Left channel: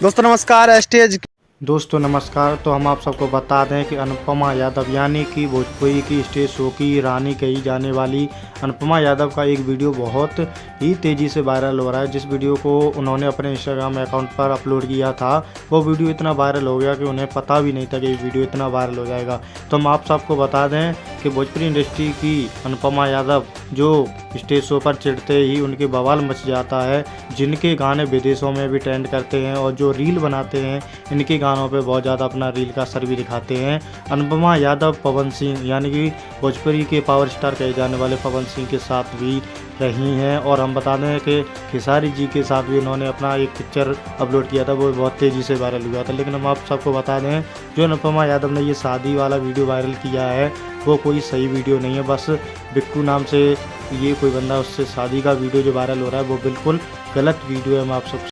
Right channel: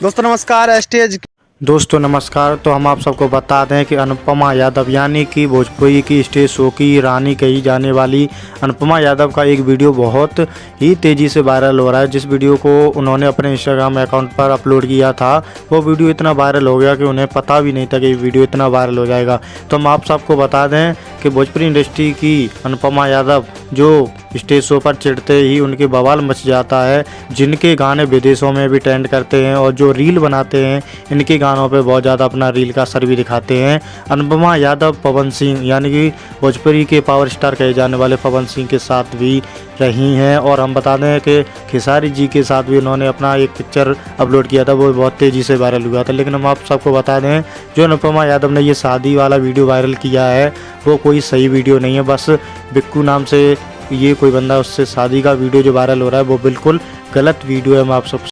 दोस्तों नमस्कार। एसटीएज दोस्तों नमस्कार। तो हम आप सबको बता दें कि अनुपमा यादव यानी कि भोजपुरी की स्टेज शो की रानी कही जाने वाली अनुपमा यादव का एक वीडियो बहुत ही तेज़ी से वायरल हो रहा है। जिस वीडियो को उन्होंने अपने इंस्टाग्राम अकाउंट पर अपलोड किया था वो वीडियो इतना वायरल हो गया कि उन्हें पता भी नहीं था कि ये वीडियो इतना वायरल हो जाएगा। तो हम आप सबको बता दें कि भोजपुरी इंडस्ट्री की अनुपमा यादव जो स्टेज शो पर चढ़ते ही उनके बवाल मच जाता है, जिनके गाने विदेशों में भी ट्रेंड करते हैं और जो रील बनाते हैं इनके गानों पे बहुत ज़्यादा अपना रील का असर भी दिखाते हैं। अनुपमा यादव पवन सिंह यानी कि भोजपुरी के पावर स्टार कहे जाने वाले पवन सिंह के साथ भी रही हैं। और हम बता दें कि खेसारी जी के साथ भी उन्होंने अपना एक पिक्चर अपलोड किया था, वो बहुत तेज़ी से वायरल हुआ था। लेकिन हम आप सबको बता दें जो अनुपमा यादव ने ये शादी वाला वीडियो वायरल किया है वो कोई सही वीडियो नहीं है। बस बिक्कू नाम से ये कोई बंदा उससे शादी का वीडियो जो वायरल हो रहा है वो बिल्कुल गलत वीडियो है। हम आप सब